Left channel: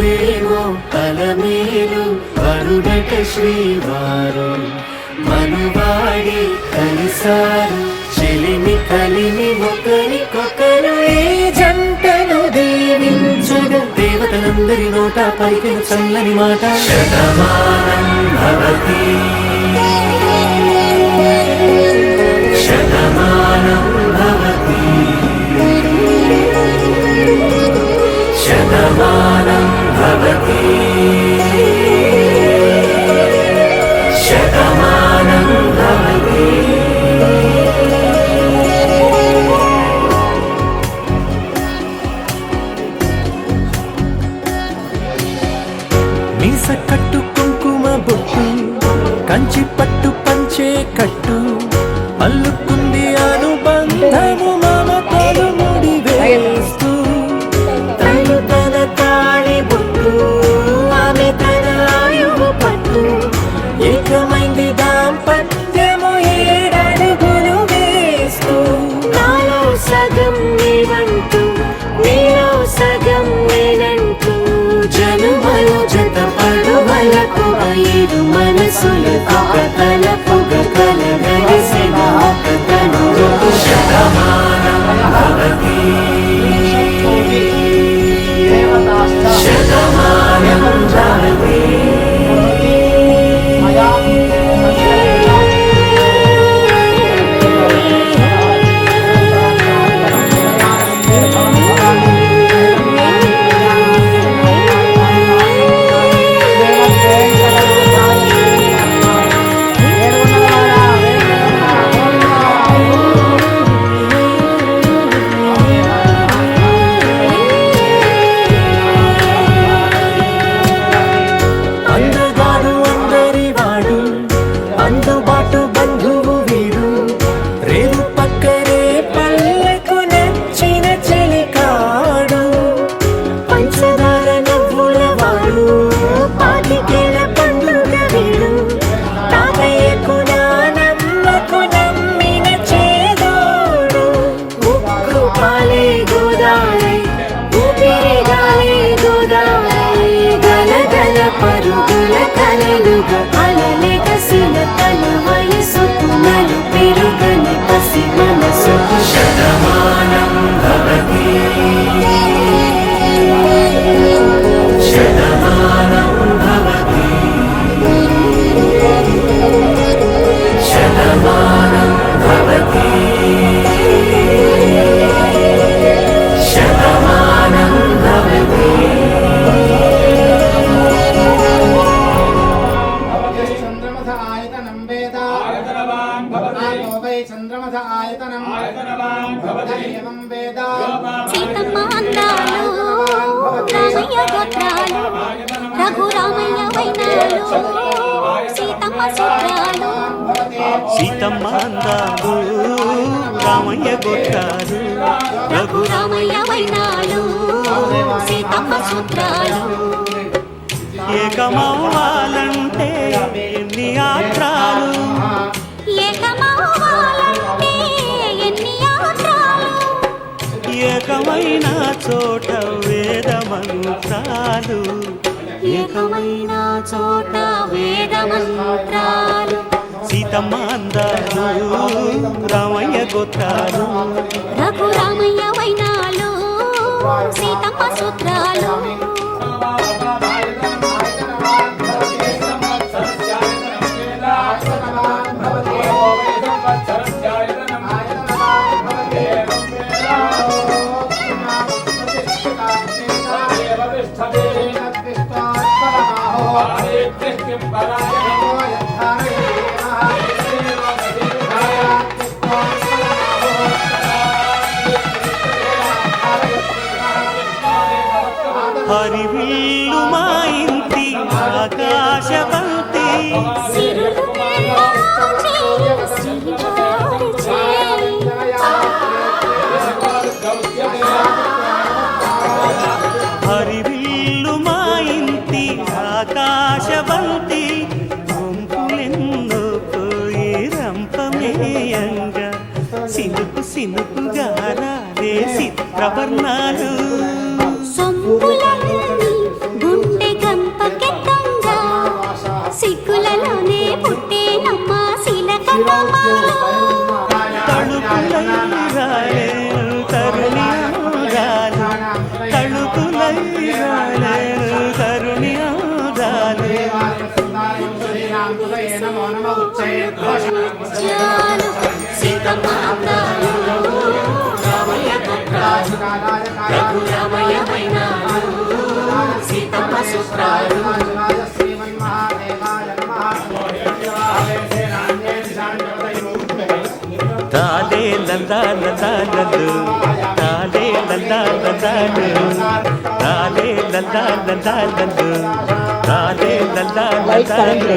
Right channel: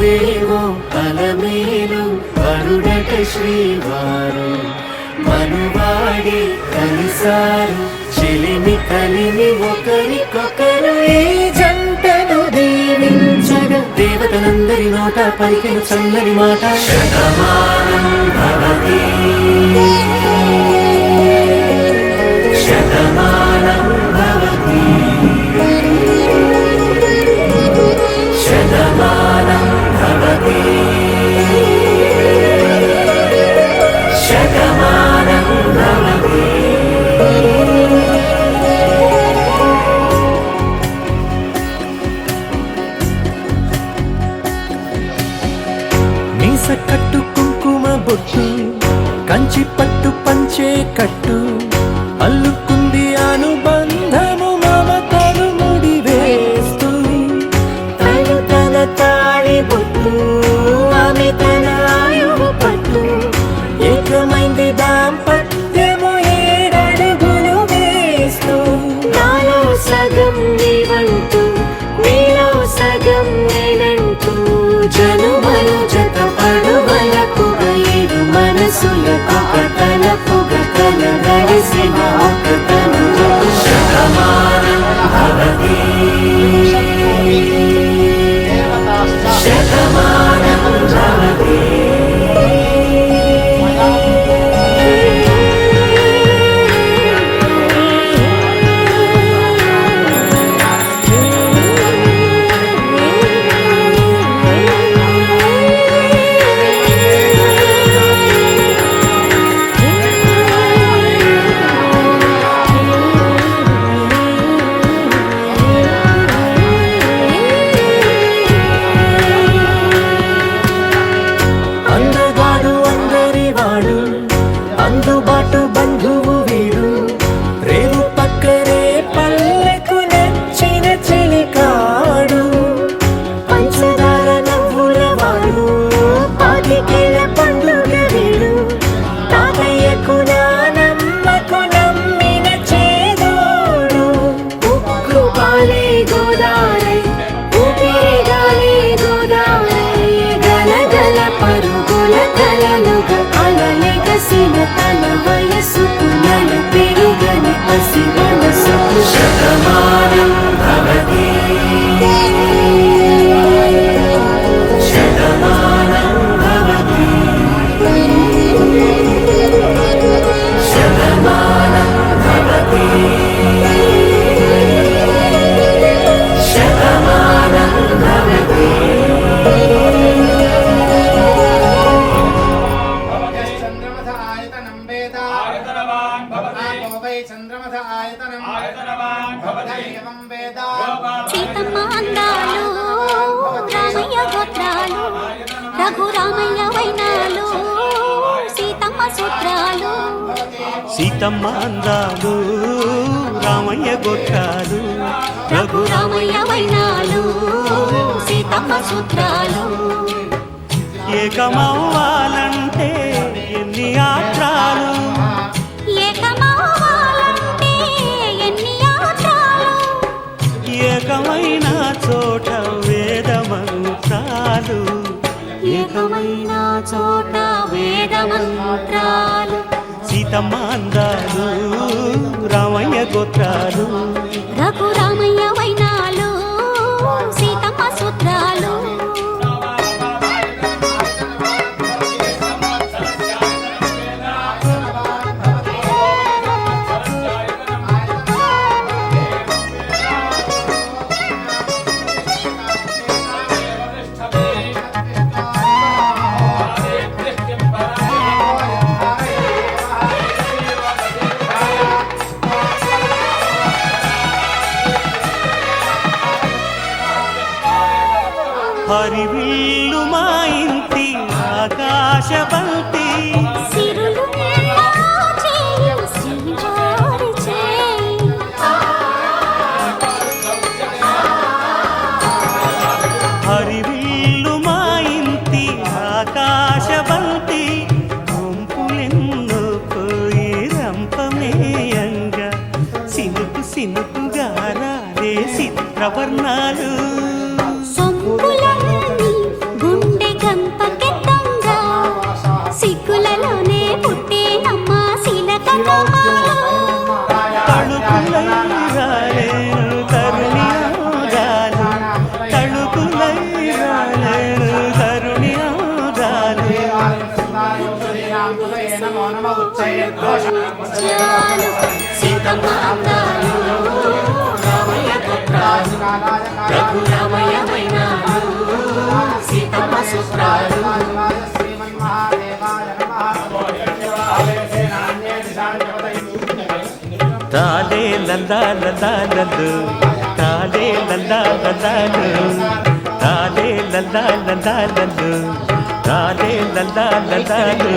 మరువేవో అలమేలు వరుడట శ్రీవారు మనువాడి కలిసారు చెలిమి కలిమి ఒకరికొకరు ఈ జంటను దీవించగా దేవతలందరి నోట పలికిన చల్లని మాట శతమానం భవతి శతమానం భవతి శతమానం భవతి శతమానం భవతి. మీస కట్టు కుంకుమ బొట్టు కంచి పట్టు పంచే కట్టు అల్లుకుంది అనుబంధము మమతలు ముడివేస్తూ తను తన తాళి బొట్టు ఆమె తన ఆయువు పట్టు ఏకమైంది దాంపత్యము 7 అడుగులు వేస్తూ నాలో సగం నీవంటూ నీలో సగం నేనంటూ జనుమలు జత పడువలకుగ ఇరు మనసులకొక తలపుగ కలగలిసిన ఒక తను శతమానం భవతి శతమానం భవతి. అందగాడు అందరివాడు అందుబాటు బంధువు వీడు రేవు పక్కరే పల్లెకు నచ్చిన చెలికాడు పంచదార నవ్వుల వాడు 25 ఏళ్ల పండుగ వీడు తాతయ్యకు నానమ్మకు నమ్మిన చేదోడు ఉక్కు పాలే గోదారై ఊపిరి గాలే గోదారై గలగల పరుగుల కలలుగా అలలెగసిన తన వయసుకు నలు పెరుగని పసి మనసుకు శతమానం భవతి శతమానం భవతి శతమానం భవతి శతమానం భవతి. సీతమ్మ అందాలు రామయ్య గోత్రాలు రఘురామయ్య వైనాలు సీతమ్మ సూత్రాలు సీతమ్మ అందాలు రామయ్య గోత్రాలు రఘురామయ్య వైనాలు సీతమ్మ సూత్రాలు ఏకమవ్వాలంటే ఎన్ని ఆత్రాలు ఏకమవ్వాలంటే ఎన్ని యాత్రాలు ఏకమైన చోట వేద మంత్రాలు ఏకమైన చోట వేద మంత్రాలు సీతమ్మ అందాలు రామయ్య గోత్రాలు రఘురామయ్య వైనాలు సీతమ్మ సూత్రాలు హరివిల్లు మా ఇంటి ఆకాశబంతి సిరులు చేయి శ్రీవారి చేయి హరివిల్లు మా ఇంటి ఆకాశబంతి గుంపులెన్నో పోయి రంపమేయంగా సినుకు సినుకుగా రాలే చిత్రవర్ణాలు సొంపులన్నీ చందమాలు తళుకులై రాలేను తరుణి ఆగాలు తళుకులై రాలేను తరుణి ఆగాలు చాలు సీతమ్మ అందాలు రామయ్య గొప్పలు రఘురామయ్య వైనాలు సీతమ్మ సూత్రాలు తాలే లందా లందాలలు తాలే లందా లందాలు తాలే లందా లందాలలు తాలే లందా లందాలు